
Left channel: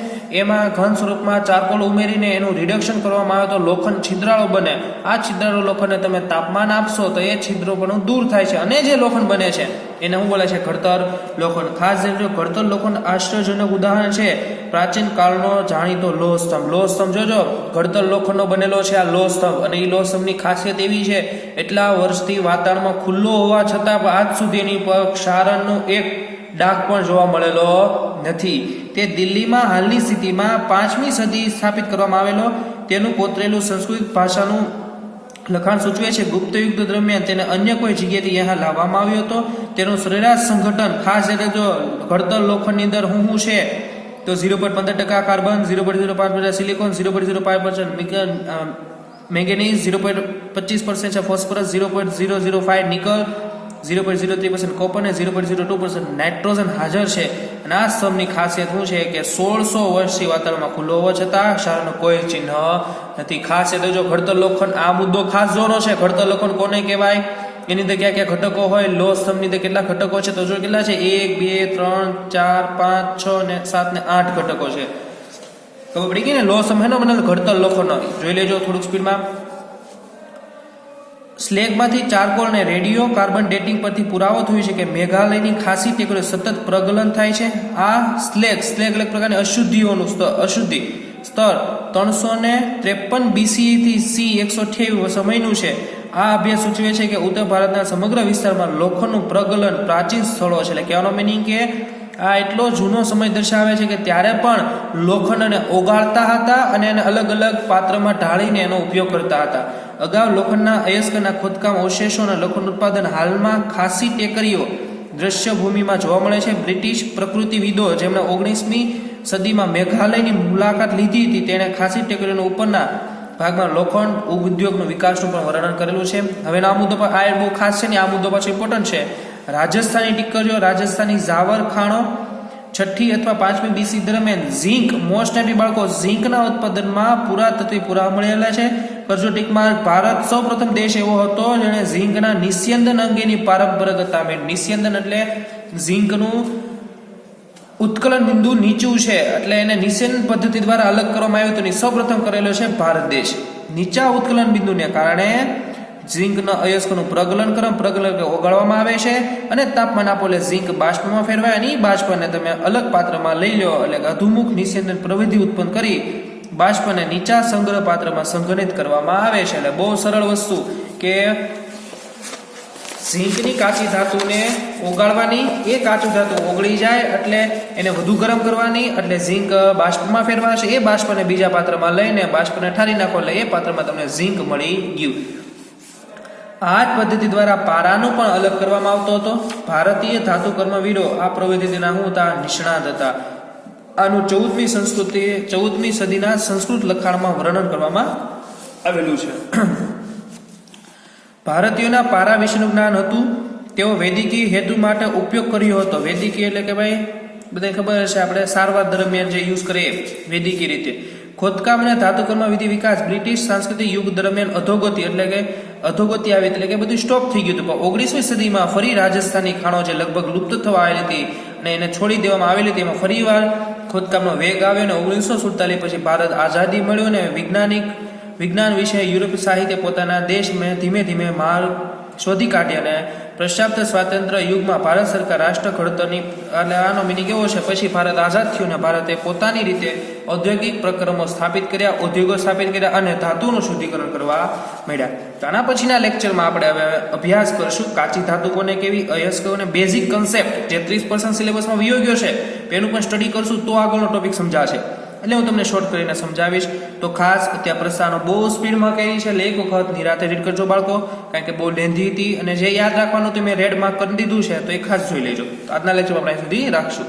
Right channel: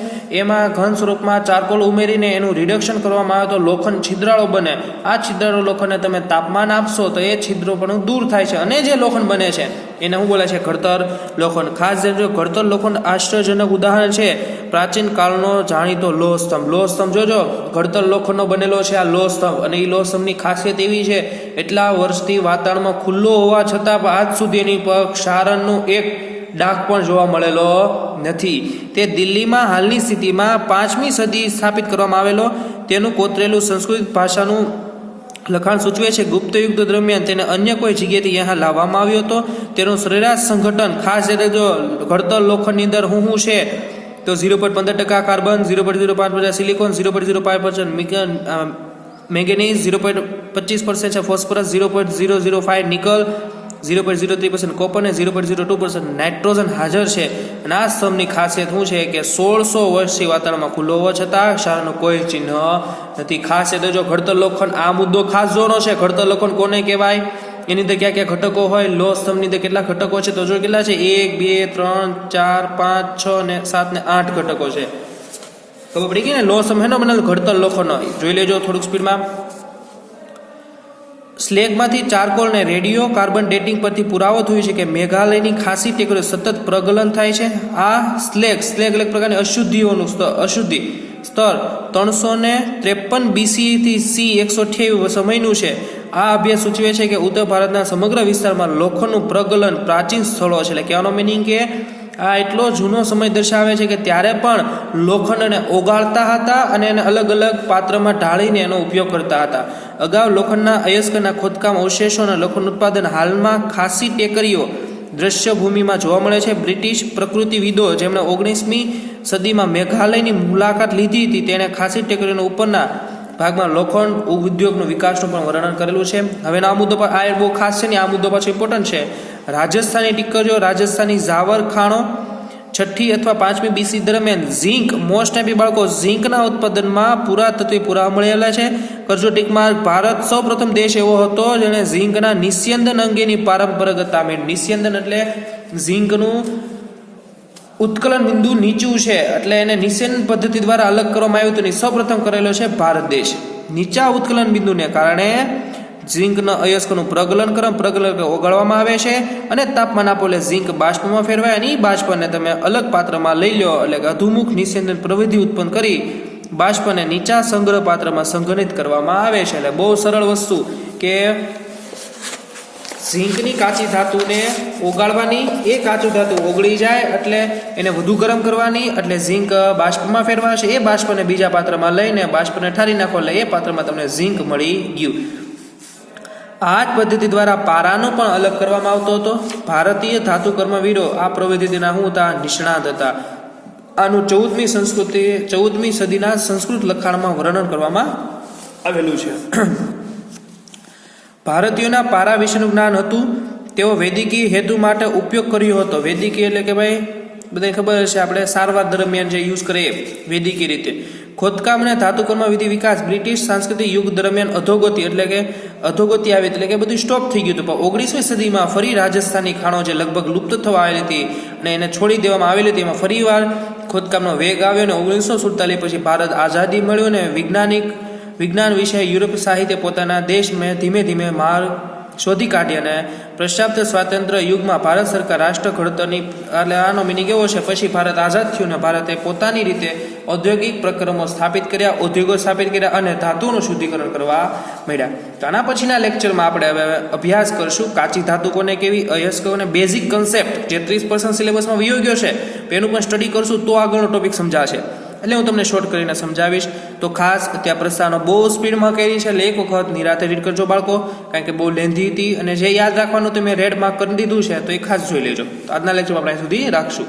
એમાં ઘન સ્વરૂપમાં ચારકોલ ઉમેરીને એનું રિડક્શન કરવામાં આવે તો લોખંડ છિદ્રાળુ બને. આ છિદ્રાળુ લોખંડને તમે તાપમાન આપશો તો એ છિદ્રો પણ દૂર થાય છે અને જે લોખંડ બને છે એને શું બોલે છે? ઘડતર લોખંડ. ખાસ જો ઘડતર લોખંડ આશ્ચર્યજનક ઉદાહરણ છે પ્રાચીન કાળનો જાણીતો લોહ સ્તંભ. લોહ સ્તંભ જોજો, ઘડતર લોખંડનો બનેલો છે આ લોહ સ્તંભ. અને એ લોહ સ્તંભની ખાસિયત એવી છે એટલા વર્ષથી વાતાવરણમાં ખુલ્લો હોવા છતાં પણ આજ સુધી એની પર ક્ષારણનું એક ડાઘ પણ જોવા મળેલો નથી. તે દિલ્હીમાં હાલની સ્થિતિમાં 5મી સદી સ્થાપિત કરવામાં આવેલો. તેનું કોતરેલું સંસ્કૃત ભાષાનું લખાણ સૂચવે છે ગુપ્ત યુગ દરમિયાન તેને અન્ય કોઈ જગ્યાએથી यहाँ લાવવામાં આવ્યો હતો. તેનું સરેરાશ સંગઠન ખાસ રીતે જો ઘડતર લોખંડની અંદર શું છે તો 0.15% કાર્બન, 0.05% સિલિકોન, 0.05% મેંગેનીઝ, 0.25% છે ફોસ્ફરસ, 0.005 નિકલ, 0.03% કોપર અને 0.02% નાઇટ્રોજન હાજર છે. અને આ સ્તંભની ખાસિયત શું છે કે 1600 વર્ષથી વાતાવરણમાં ખુલ્લો હોવા છતાં ક્ષારનું કોઈ ચિહ્ન નથી. ખાસ એટલે જો ઘડતર લોખંડ, આ મુદ્દો ખાસ જોવાનો છે. ઘડતર લોખંડ કોને કહેવાય? એની અંદર ક્યાં ક્યાં ઘટકો હોય? લોહ સ્તંભની અંદર કેટલા ઘટકો છે? તો જો કેટલા છે? 1, 2, 3, 4, 5, 6 ને 7 ને 8 ઘટકો છે. ખબર પડી ગઈ ને? લોહ સ્તંભ એનો બનેલો ઘડતર લોખંડનો. જોઈ લેજો થોડુંક સ્પીડમાં. સ્લેગમાંથી ચારકોલ ને રેડિયો કાર્બન ડેટિંગ પરથી પુરાવો થયો છે કે મેઘાલયની ખાસી ટેકરીઓ સતત પ્રગલન થાય છે. આ સ્લેગ અલગ પ્રકારની અશુદ્ધિઓનું અશુદ્ધિ સ્તર 353 BC થી C 128 સમયનું છે. આ અભ્યાસ સૂચવે છે કે ઉત્તર ભારતના સમગ્ર વિસ્તારમાં લોખંડનું પ્રગલન પ્રાચીન સ્થળો છે. એટલે કહેવાનો મિનિંગ કે આ એટલો જૂનો સમય દર્શાવે છે કે ત્યારે પણ લોખંડને ઓગાળતા હતા અને એને અલગ અલગ પાત્રમાં ઢાળીને એનો ઉપયોગ કરતા હતા. અગાઉ લોખંડના અયસ્કના ખોદકામ અવશેષો અને લોખંડ ઉત્પાદન હાલમાં ખાસી ટેકરીઓ દ્રશ્ય ભૂમિમાં જોવા મળે છે. બ્રિટિશ પ્રકૃતિવિદો જેમણે 19મી સદીમાં મેઘાલયની મુલાકાત લીધી હતી તેણે ખાસી ટેકરીઓના ઉપરના ભાગમાં લોખંડ ઉદ્યોગનો વિકાસનું પણ વર્ણન કરેલું છે. હવે આ મુદ્દો પર આ બહુ ખાસ છે ને, આ મુદ્દો પાછો ઇમ્પોર્ટન્ટ છે. રાજસ્થાની ટીકરીઓ, રાજસ્થાની ઝાવર ખાણો 6ઠ્ઠી અથવા 5મી BC દરમિયાન ઝીંક, મોસ્ટ ઓફ બાળકો ઝીંકના ઉત્પાદનમાં પુરાતત્વી પુરાવા મળેલા છે. કરજો ટીકમાં ભારત સૌપ્રથમ દેશ એવો હતો જેણે ઝીંકના નિસ્યંદન અંગેની પરંપરાગત નિસ્યંદન એટલે ઝીંકનું ઉત્કલન બિંદુ નીચું છે એટલે એને નિસ્યંદન પદ્ધતિ દ્વારા અલગ કરવામાં આવ્યું હતું. સૌપ્રથમ કરેલો છે ભારત દેશ. નીચા ઉત્કલન બિંદુને કારણે ઝીંકના અયસ્કનું પ્રગલન ઓગાળવામાં આવે છે અને તાપમાન આપો એટલે ઝીંક બાષ્પમાં ફેરવાય અને એ બાષ્પને તમે અલગ પાત્રમાં લઈ લો એટલે કે અધુમુખ નિસ્યંદન પ્રવિધિ ઉત્પન્ન કરી બાષ્પને નીચા સંગ્રહ પાત્રમાં સંઘનિત કરવામાં આવે છે. એટલે બહુ સરળ વસ્તુ કે ઝીંકની કાચી ધાતુને ઓગાળવાની, એ કાચું ધાતુ ઓગળી જાય એટલે એને વધુ ગરમ કરવાની એટલે ઝીંક બાષ્પમાં ફેરવાશે. એ બાષ્પને બીજા પાત્રમાં લઈને બાષ્પને ઠારી નાખો એટલે એ પાત્રમાં તમને ઝીંક મળી ગયું. આ જ પદ્ધતિ દ્વારા પારાનો પણ અલગ કરવામાં આવતો હતો. ભારતીય ધાતુ કર્મવીરો આ પ્રવિધિના શું હતા? નિષ્ણાત હતા. આનું 14મી સદીના સંસ્કૃત લખાણમાં વર્ણન કરવામાં આવેલું છે. ભારતીયોના પારા વિશેનું જ્ઞાન હતું. તેઓ વૈદિકી હેતુ માટે ઉપયોગ કર્યો હતો. વૈદિકી એટલે કે ભાઈ બધાને ખબર હશે, આપણે સારવાર દરમિયાન જે યુઝ કરીએ વૈદિકી રીતે. ખોદકામ અને ધાતુકર્મ વિધિ વિકાસ બ્રિટિશ સાંસ્કૃતિક યુગ દરમિયાન અધોગતિ આવી એટલે કે બધું સ્ટોપ થઈ ગયું હતું. પણ 19મી સદીમાં ફરી રાજસ્થાની ખાણો જે લગભગ લુપ્ત થવા આવેલી હતી અને એને છોડી દેવામાં આવેલી હતી એમાં ફરીવાર ખોદકામનો વેગ આવ્યો અને 1947 પછી ભારત આઝાદી મળ્યો અને વિજ્ઞાન વિશે યુરોપીય સાહિત્ય પોતાના દેશમાં ધીમે ધીમે માર્ગ શોધી કાઢ્યા અને પ્રશાપ્ત સ્વાતંત્ર્ય યુગમાં ભારત સરકાર રાષ્ટ્ર ઘડતરની એટલે આનો મિનિંગ એવો છે પછી ભારત આઝાદ થયું ને ભારતે પોતાની રીતે ઔદ્યોગિક પ્રક્રમો સ્થાપિત કર્યા, ઉદ્યોગો સ્થાપિત કર્યા અને ધાતુનું શુદ્ધિકરણ કરવા માંડ્યા. તો આના પછીના લેક્ચરમાં આપણે હવે અભ્યાસ કરશું કાચી ધાતુ કોને કેવી, અયસ્કોને બેઝિક કન્સેપ્ટ જે 30% સિલેબસમાં વયો ગયો છે એનું પણ સ્ટડી કરશું તો આગળનો ટોપિક સમજાશે. એટલે હું તમને શોર્ટ કરીને સમજાવીશ. તો ખાસ ત્યાં પ્રસ્તાવનો બહુ સ્પીડમાં કરી છે, એટલે એક વખત નિરાતે રીડ કરજો બાળકો, કારણ કે બહુ લેન્ધી હતી. અને જે યાદ રાખવાનું તો મેં રેડ માર્ક કરી દીધું છે, તો એ ખાસ જોઈ લેજો. તો આજના લેક્ચર આપણે અહીં સુધી રાખશું.